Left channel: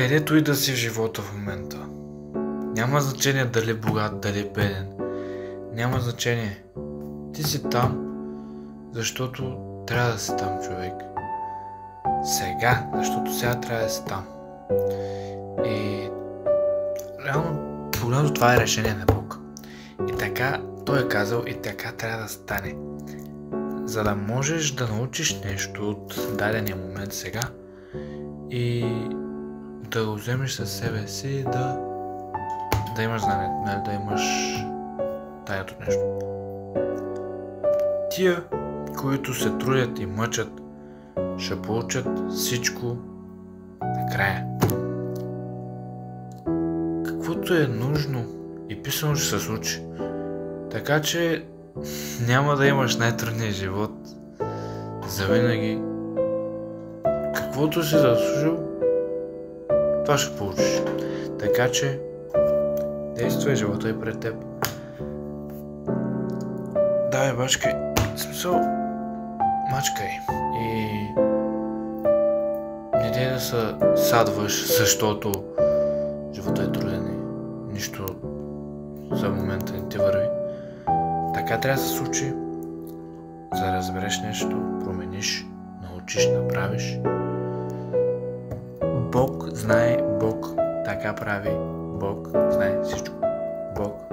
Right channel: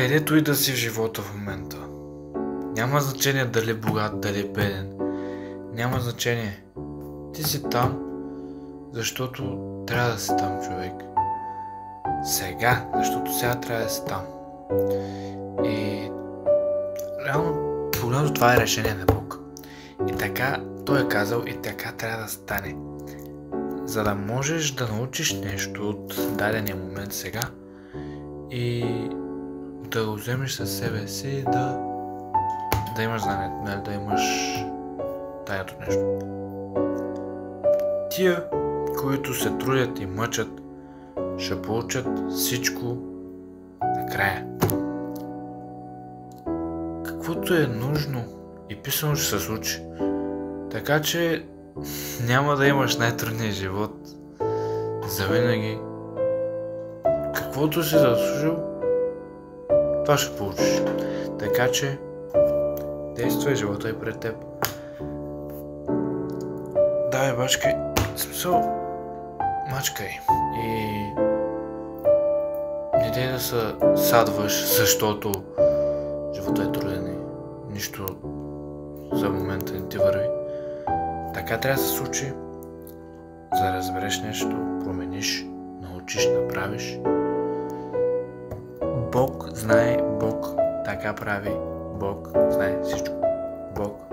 където и да си в живота в момента. Няма значение дали богат, дали беден. Няма значение. Ти си там, защото трябва да си там, човек. Сега, защото сега трябва да си там. И реално погледното това е решение на Бог. И така той е казал и така трябва да стане. За да можеш да научиш нещо от дадения момент сега и да го вземеш със себе си, да имаш знание, нали, да имаш тайното нещо. Тия, които се трудят и мъчат, ще получат всичко накрая. Каквото е нужно и писано ще се случи. Така че няма да имаш най-трудния живот завинаги. Каквото си заслужил, това ще получиш. Така че действай, живота е пред теб. Давай, бачкай. В смисъл, мачкай. И не дей да се садваш, защото живота е труден и нищо за момента не ти върви. Така трябва да се случи, за да разбереш нещо, промениш, научиш, направиш. Бог знае, Бог така прави, Бог знае всичко. Бог